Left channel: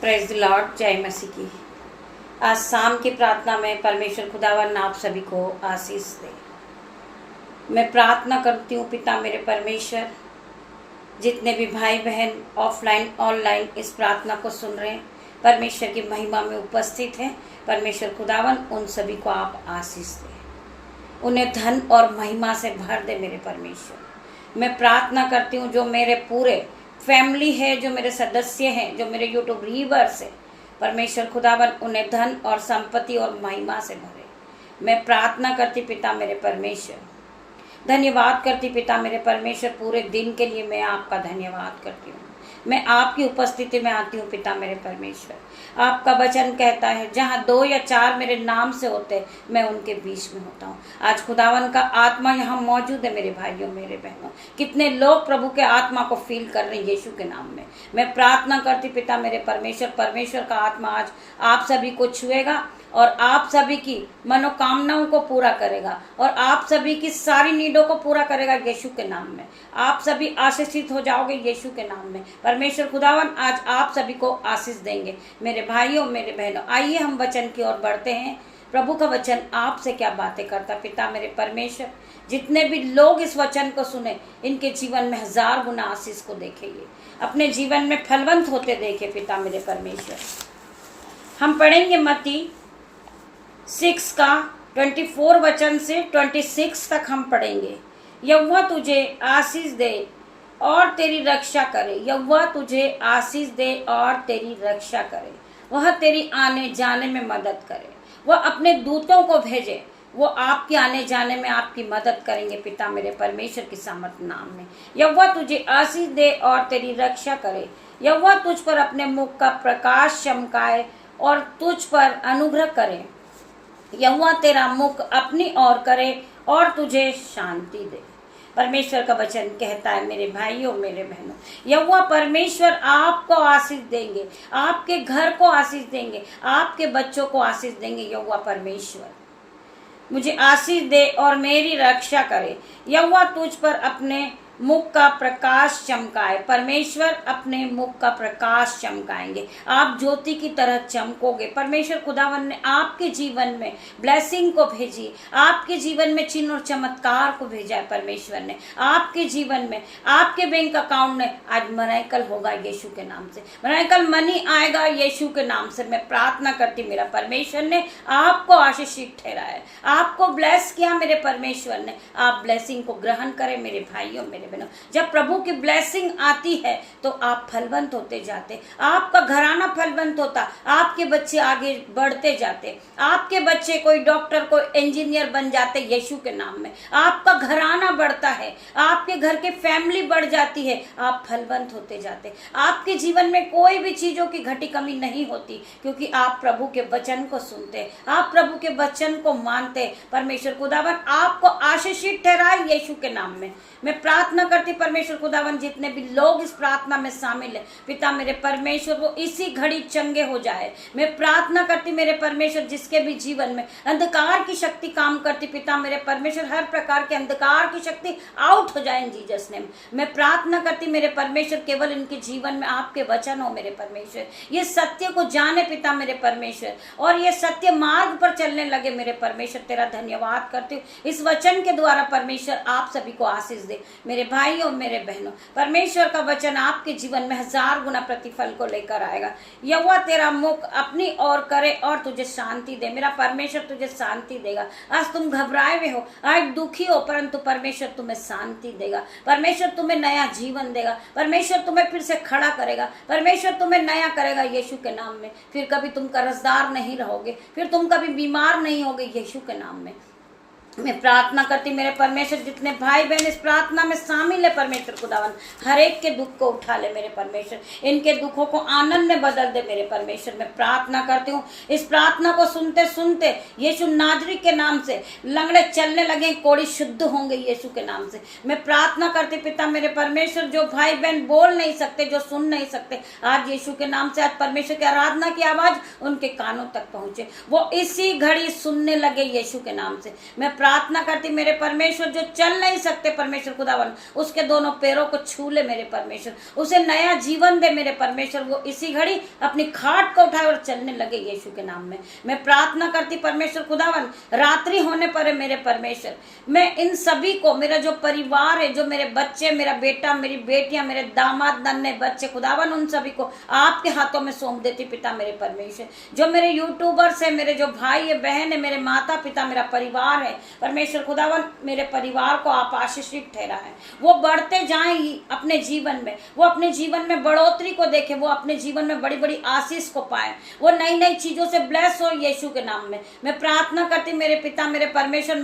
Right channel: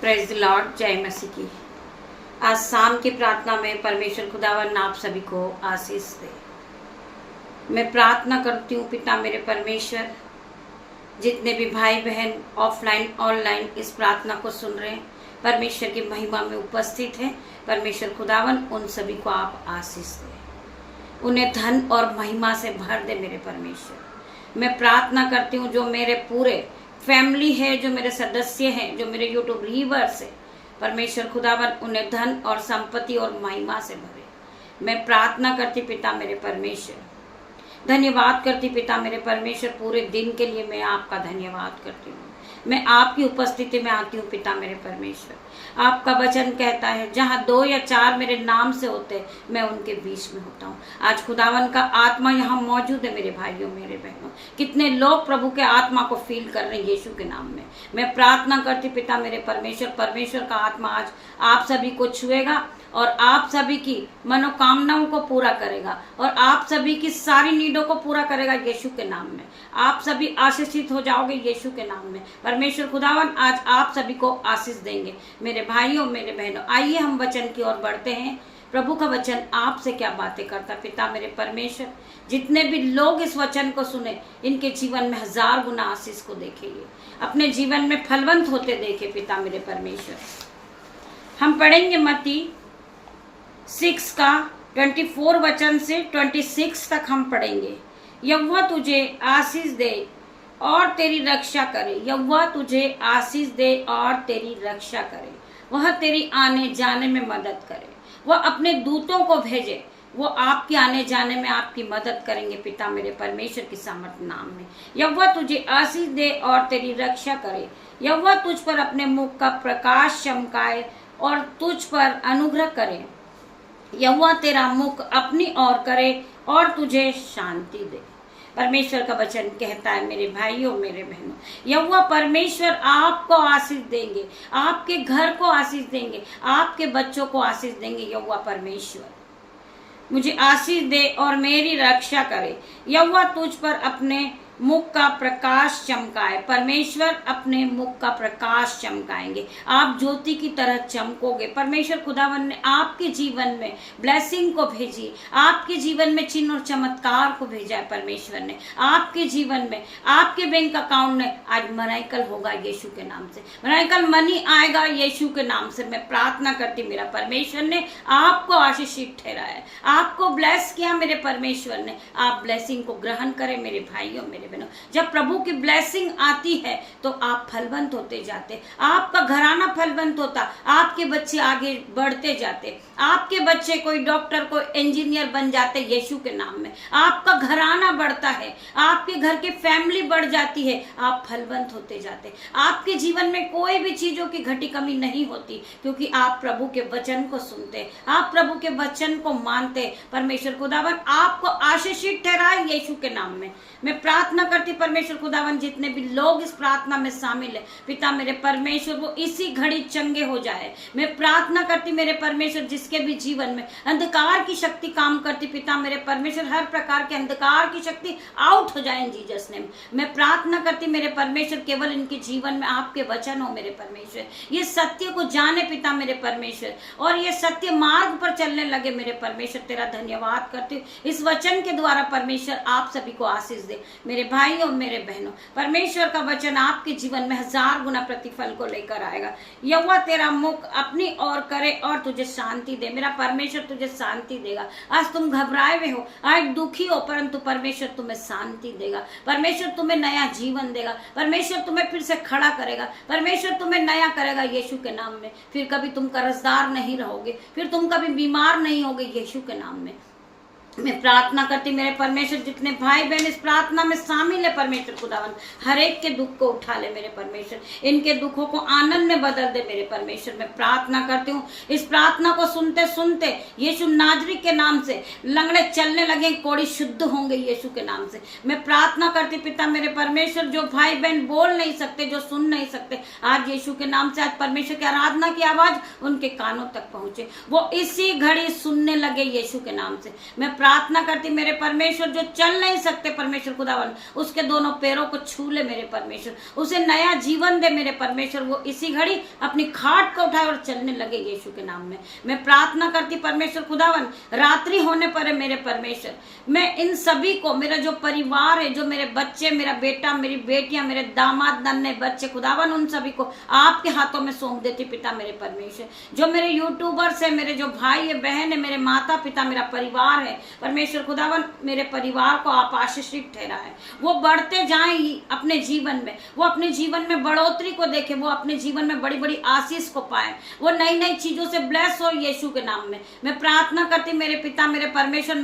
Praise the Lord. जय मसीह की। आज शाम की प्रार्थना में परमेश्वर खुदावन आप सभी को आशीष दे। मैं प्रार्थना करती हूँ पिता मेरे परमेश्वर, जितने भी भाई बहन ऑफलाइन ऑनलाइन इस प्रार्थना को सुन रहे हैं, परमेश्वर की महिमा में उपस्थित हैं, परमेश्वर खुदावन उन सभी को आप आशीष दे, उन्हें धन और महिमा से भर दे मेरे परमेश्वर। मैं प्रार्थना करती हूँ जो मेरे पूरे फैमिली है, जो मेरे सदस्य हैं, जो मेरे यूट्यूब व्यूअर्स है, परमेश्वर खुदावन उन्हें धन और संपत्ति और महिमा से भरे। मैं प्रार्थना करती पिता मेरे परमेश्वर, धन्यवाद करती पिता मेरे परमेश्वर, पूरे दिन के लिए मैं आपका धन्यवाद करती हूँ। मैं आपकी उपस्थिति में आती हूँ पिता मेरे परमेश्वर। आपका वचन कहता है जहाँ 2 या 4 मेरे नाम से होते मैं उनके बीच में होता हूँ। आज खुदावन का आत्मा यहाँ मौजूद है मेरे भाइयों मेरे बहनों। कितने लोग प्रभु के आत्मा को फील कर रहे हैं यीशु के नाम में। मैं प्रार्थना करती पिता मेरे परमेश्वर, परमेश्वर का आत्मा आज आप सभी को छुएगा और आप सभी की मनोकामनाओं को पूरा करेगा और आप सभी की सारी नीडों को पूरा करेगा यीशु के नाम में। आप सभी आशीषित हो जाओगे यीशु के नाम में। परमेश्वर खुदावन आज आप सभी को आशीष देंगे मेरे भाइयों मेरे बहनों। आइए हम वचन की ओर बढ़ते हैं। प्रभु का वचन आपसे क्या बातें करता पिता मेरे परमेश्वर। जितने भी लोग इस वचन को सुने, इनके जीवन में 1000 गुना आशीष को देखेंगे, अपने जीवन में फलवंत होते देखे पिता मेरे परमेश्वर। हम पढ़ेंगे मत्ती 6 का 24 वचन से 26 तक हम पढ़ेंगे। यहोवा तुझे आशीष दे और तेरी रक्षा करे, यहोवा तुझे आशीष दे और तेरी रक्षा करे। वह तेरी आने जाने में मदद करे, वह अपने दूतों को भेजे, वो आपके आने जाने में आपकी मदद करेंगे पिता मेरे परमेश्वर की सामर्थ नाम में। यहोवा तुझे आशीष दे और तेरी रक्षा करे, यहोवा तुझ पर अपने मुख का प्रकाश चमकाए और तुझ पर अनुग्रह करे। यहोवा तेरा मुख अपनी ओर करे और तुझे शांति दे। परमेश्वर का वचन कहता है मेरे भाइयों मेरे बहनों, यहोवा परमेश्वर आपको आशीष देंगे, आपके घर को आशीष देंगे, आपके बच्चों को आशीष देंगे। यहोवा परमेश्वर मुझे आशीष दे और मेरी रक्षा करे, यहोवा तुझ पर अपने मुख का प्रकाश चमकाए। परमेश्वर अपने मुख का प्रकाश चमकाएंगे, आप ज्योति की तरह चमकोगे। परमेश्वर खुदावन ने आपके जीवन में ब्लेसिंग को भेजी, आपके जीवन में चिन्ह और चमत्कार को भेजा है। परमेश्वर ने आपके जीवन में, आपके बैंक अकाउंट में आज मराइकल होगा यीशु के नाम से, मराइकल मनी आएगा यीशु के नाम से। मैं प्रार्थना करती मेरा परमेश्वर ने आपको आशीषित ठहराया, आपको ब्लेस किया मेरे परमेश्वर ने। आप ब्लेसिंग को ग्रहण करें मेरे भाइयों मेरे बहनों। जब प्रभु की ब्लेसिंग आती है तो आप फलवंत होते जाते, आपका घराना फलवंत होता, आपके बच्चे आगे बढ़ते जाते, आपके बच्चे कोई डॉक्टर कोई इंजीनियर बन जाते यीशु के नाम में। आपका घराना बढ़ता है, आपके घर की फैमिली बढ़ जाती है, आप फलवंत होते जाते। आपके जीवन में कोई भी चीजों की घटी कमी नहीं होती, क्योंकि आप प्रभु के वचन को सुनते, आप प्रभु के वचन को मानते। परमेश्वर खुदावन आपको आशीषित ठहराए यीशु के नाम में। मैं प्रार्थना करती परमेश्वर खुदावन जितने भी लोग इस प्रार्थना में शामिल है पिता मेरे परमेश्वर, वो इसी घड़ी चंगे हो जाए। मैं प्रार्थना करती मेरे परमेश्वर जिसके भी जीवन में अंधकार की शक्ति काम करती पिता मेरे परमेश्वर, हर प्रकार के अंधकार की शक्ति आउट हो जाए इन जीसस नेम। मैं प्रार्थना करती मेरे परमेश्वर केवल इनके जीवन में आपके वचन हो मेरे परमेश्वर, ये सत्य को जाने पिता मेरे परमेश्वर और ये सत्य मार्ग पर चलने लगे मेरे परमेश्वर। तेरा धन्यवाद करती हूँ इस वचन के द्वारा परमेश्वर आप सभी को आशीष दे मेरे भाइयों मेरे बहनों। परमेश्वर का वचन आपके जीवन में 1000 गुना प्रतिफल को लेकर आएगा। यहोवा तेरा मुख अपनी ओर करे और तुझे शांति दे। मेरा परमेश्वर तुझे शांति देगा। आज तुम घबराए हुए हो, आज दुखी हो, परंतु परमेश्वर तुम्हें शांति देगा। परमेश्वर तुम्हें नया जीवन देगा। परमेश्वर तुम्हें फिर से खड़ा करेगा। परमेश्वर तुम्हें नया करेगा यीशु के नाम में। फिर कभी तुम कर्जदार नहीं रहोगे, फिर तुम कभी बीमार नहीं होगे यीशु के नाम में। मैं प्रार्थना करती मेरे परमेश्वर जितने भाई बहन इस प्रार्थना में शामिल है परमेश्वर खुदावन, हर एक के दुख को उठा ले मेरे परमेश्वर, इनके दुखों को आनंद में बदल दे मेरे परमेश्वर। मैं प्रार्थना करती हूँ इस प्रार्थना को सुनते सुनते यीशु नाजरी के नाम से लंगड़े चलने लगे, कोड़ी शुद्ध होंगे यीशु के नाम से। मैं प्रार्थना करती पिता मेरे परमेश्वर जो भाई बहन बोल नहीं सकते, जो सुन नहीं सकते, आज यीशु के नाम से आज परमेश्वर की आराधना की आवाज उनके कानों तक पहुंचे, वो इसी घड़ी सुनने लगे यीशु के नाम से। मैं प्रार्थना करती मेरे परमेश्वर जो चल नहीं सकते परमेश्वर खुदावन, उसके दोनों पैरों को छू ले मेरे परमेश्वर, उसे नया जीवन दे मेरे परमेश्वर, वो इसी घड़ी अपनी खाट को उठाए और चलने लगे यीशु के नाम में। मैं प्रार्थना करती परमेश्वर खुदावन, रात्रि होने पर है मेरे परमेश्वर, मैं इन सभी को, मेरा जो परिवार है, जो मेरे बच्चे, मेरा बेटा, मेरी बेटियां, मेरे दामाद, नन्हे बच्चे खुदावन, उन सभी को आपके हाथों में सौंप देती पिता मेरे परमेश्वर। जो मेरे यूट्यूबर्स है, मेरे जो भाई है, बहन है, मेरे माता पिता, मेरा परिवार है परमेश्वर खुदावन, मेरे परिवार को आप आशीषित ठहराएं, वो बढ़ते जाएं अपने जीवन में, वो अपने जीवन में बढ़ोतरी को देखे, वो अपने जीवन में बड़ी बड़ी आशीष को पाए, वो नई नई चीजों से ब्लेस हो यीशु के नाम में। मैं प्रार्थना करती मेरे पिता मेरे परमेश्वर,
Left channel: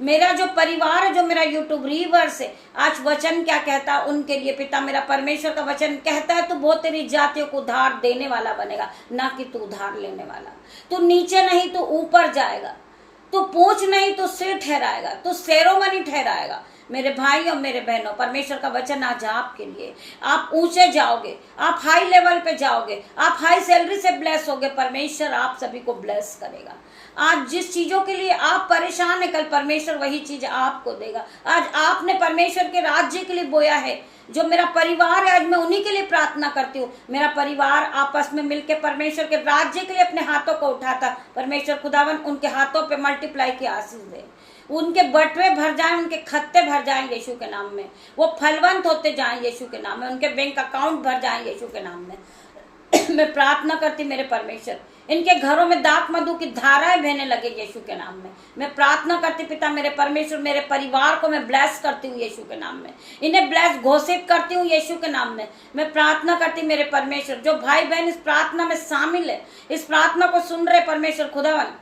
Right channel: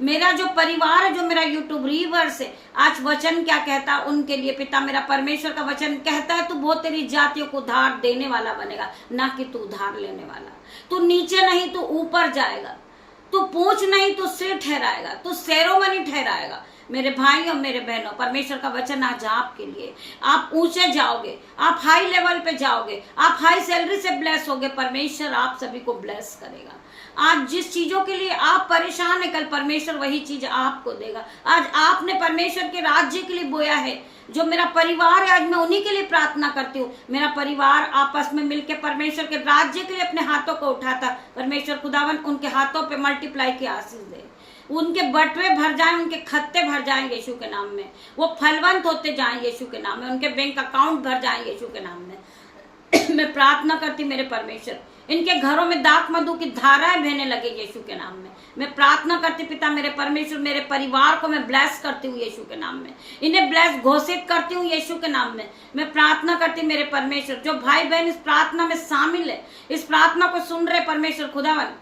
मेरा जो परिवार है, जो मेरा यूट्यूब व्यूअर्स है, आज वचन क्या कहता है उनके लिए पिता मेरा परमेश्वर का वचन कहता है, तू बहुत तेरी जातियों को उधार देने वाला बनेगा, ना कि तू उधार लेने वाला। तू नीचे नहीं तू ऊपर जाएगा, तू पूंछ नहीं तू सिर ठहराएगा, तू सेरोमनी ठहराएगा। मेरे भाई और मेरे बहनों, परमेश्वर का वचन आज आपके लिए, आप ऊंचे जाओगे, आप हाई लेवल पे जाओगे, आप हाई सैलरी से ब्लेस होगे, परमेश्वर आप सभी को ब्लेस करेगा। आज जिस चीजों के लिए आप परेशान है, कल परमेश्वर वही चीज आपको देगा। आज आपने परमेश्वर के राज्य के लिए बोया है, जो मेरा परिवार है, आज मैं उन्हीं के लिए प्रार्थना करती हूँ। मेरा परिवार आपस में मिलकर परमेश्वर के राज्य के लिए अपने हाथों को उठाता, परमेश्वर खुदावन उनके हाथों पे मल्टीप्लाई की आशीष दे, उनके बटवे भर जाएं, उनके खत्ते भर जाएं यीशु के नाम में, वो फलवंत होते जाएं यीशु के नाम में, उनके बैंक अकाउंट भर जाएं यीशु के नाम में। मैं प्रार्थना करती मेरे परमेश्वर, इनके घरों में दाख मधु की धाराएं बहने लगे यीशु के नाम में। मैं प्रार्थना करती पिता मेरे परमेश्वर, मेरे परिवार को मैं ब्लेस करती हूँ यीशु के नाम में, इन्हें ब्लेस घोषित करती हूँ यीशु के नाम में। मैं प्रार्थना करती मेरे परमेश्वर, जो भाई बहन इस प्रार्थना में शामिल है, इस प्रार्थना को सुन रहे परमेश्वर खुदावन,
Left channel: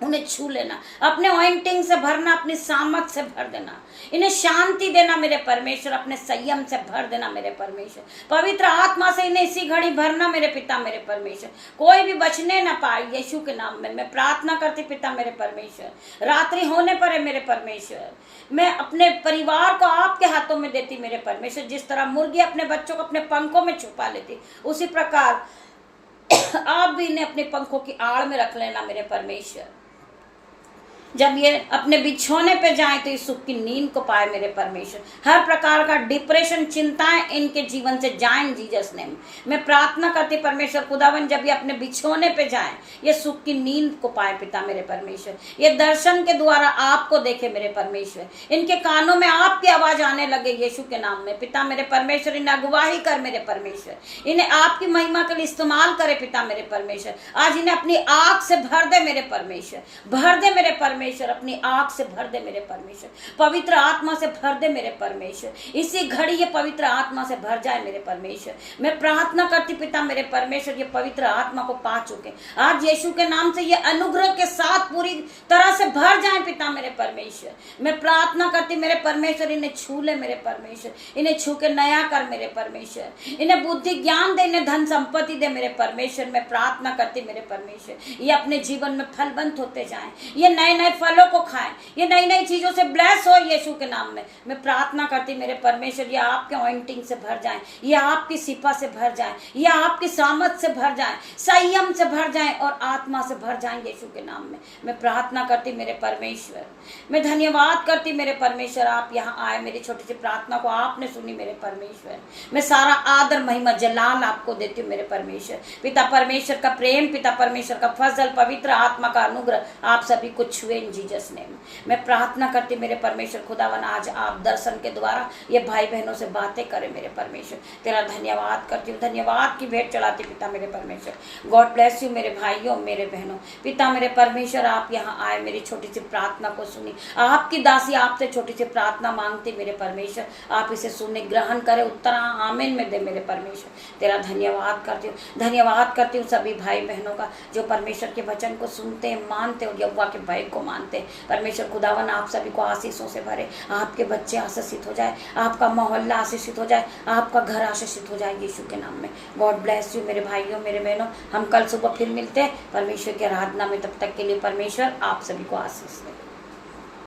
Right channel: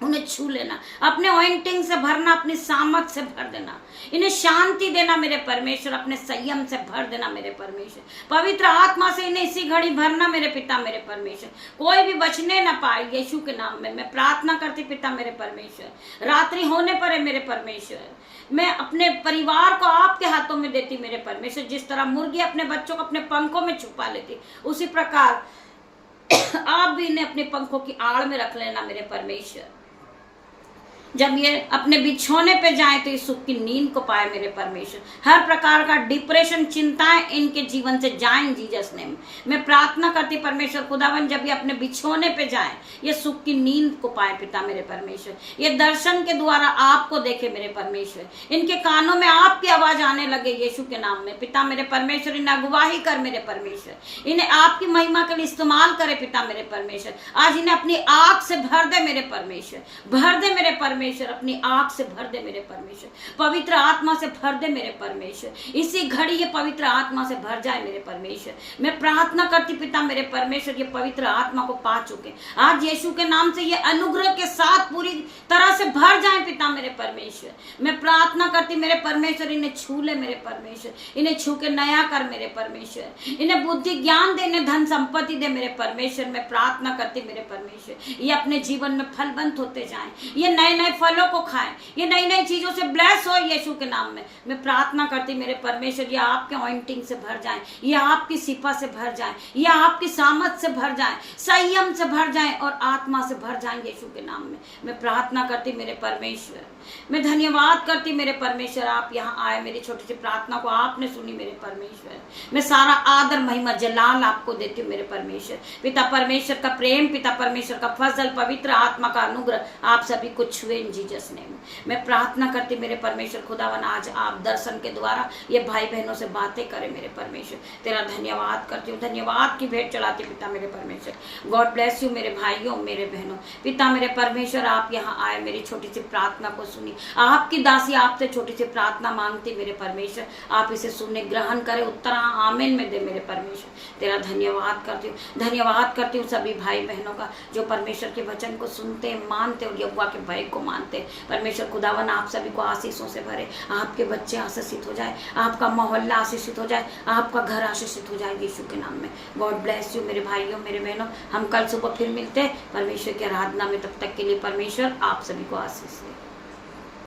उन्हें छू लेना, अपने ऑइंटिंग से भरना, अपनी सामत से भर देना, इन्हें शांति देना मेरे परमेश्वर, अपने संयम से भर देना मेरे परमेश्वर, पवित्र आत्मा से इन्हें इसी घड़ी भरना मेरे पिता मेरे परमेश्वर, कोई भी बचने ना पाए यीशु के नाम में। मैं प्रार्थना करती पिता मेरे परमेश्वर, रात्रि होने पर है मेरे परमेश्वर, मैं अपने परिवार को आपके हाथों में देती मेरे परमेश्वर। जिस तरह मुर्गी अपने बच्चों को अपने पंखों में छुपा लेती, उसी प्रकार आप भी इन्हें अपने पंखों की आड़ में रख लेना मेरे परमेश्वर। जब ये अपने बिछौने पे जाए तो इस सुख की नींद को पाए मेरे परमेश्वर। हर प्रकार का डिप्रेशन, चिंताएं इनके जीवन से जाएं जीसस नेम। मैं प्रार्थना करती परमेश्वर खुदावन, जब ये अपने बिछौने पे जाएं, ये सुख की नींद को पाए पिता मेरे परमेश्वर। ये दर्शन के द्वारा आपको देखे मेरे परमेश्वर, इनके कानों में आपकी आवाज आने लगे यीशु के नाम में पिता मेरे परमेश्वर। इन्हें अगुवाही कर मेरे परमेश्वर, इन्हें आपकी महिमा के लिए इस्तेमाल करे पिता मेरे परमेश्वर। आज इन्हें अपनी आंख से भर दे मेरे परमेश्वर, भर दे मेरे परमेश्वर, अपनी आंख से भर दे मेरे परमेश्वर, पवित्र आत्मा से भर दे मेरे परमेश्वर। इसी घड़ी ये पवित्र आत्मा से भर जाए मेरे परमेश्वर। मैं प्रार्थना करती पिता मेरे परमेश्वर, ये पवित्र आत्मा को पा चुके आज यीशु के नाम से ये अनुग्रह के साथ पूरी तरह से भर जाए पिता मेरे परमेश्वर। मैं प्रार्थना करती मेरे परमेश्वर, इन्हें छू ले मेरे परमेश्वर, इन्हें छू के नया कर मेरे परमेश्वर, इन्हें बुद्धि ज्ञान दे, इन्हें धन संपत्ति दे मेरे परमेश्वर। मैं प्रार्थना करती मेरे परमेश्वर, ये अपने जीवन में फलवंत होते जाएं, ये नए नए फलों को खाएं, ये नई नई चीजों से ब्लेस हो यीशु के नाम में। मैं प्रार्थना करती मेरे परमेश्वर, ये आपके ऑइंटिंग से भर जाएं, ये आपकी सिपा से भर जाएं, ये आपकी सामत से भर जाएं, संयम से भर जाएं और आत्मा से भर जाएं यीशु के नाम में। मैं प्रार्थना करती मेरे परमेश्वर, मैं धन्यवाद करती मेरे परमेश्वर, आप यहाँ आए, मेरी छोटी सी प्रार्थना को आपने सुनी मेरे परमेश्वर। मैं सारा आदर महिमा जलाल आपको देती हूँ मेरे परमेश्वर। पिता परमेश्वर का प्रेम, पिता परमेश्वर का फजल, पवित्र आत्मा का अनुग्रह आप सभी को छुए इन जीसस नेम। मैं प्रार्थना करती मेरे परमेश्वर खुदावन, आज आप दर्शन के द्वारा ये भाई बहनों से बातें करें मेरे परमेश्वर। तेरा धन्यवाद करती हूँ, धन्यवाद की भेंट चढ़ाती पिता मेरे परमेश्वर। गॉड ब्लेस यू मेरे भाइयों मेरे बहनों। पिता मेरे परमेश्वर, आप यहाँ आए, मेरी छोटी सी प्रार्थना को सुनी, आपकी दासी आपसे छोटी सी प्रार्थना मांगती मेरे परमेश्वर, आप इसे सुनने ग्रहण करें, उत्तर आमीन में दे मेरे परमेश्वर। तेरा धन्यवाद करती हूँ, धन्यवाद करती हूँ सभी भाई बहनों का जो परमेश्वर के वचन को सुनते मानते और यहोवा के भय को मानते। परमेश्वर खुदावन आप सभी को आशीषों से भरे, आपके बच्चे आशीषित हो जाए, आपका मोहल्ला आशीषित हो जाए, आपका घर आशीषित हो जाए यीशु के नाम में। गॉड ब्लेस यू मेरे भाइयों मेरे बहनों। हम कल सुबह फिर मिलते हैं परमेश्वर की आराधना में, तब तक के लिए परमेश्वर आप सभी को आशीष दे।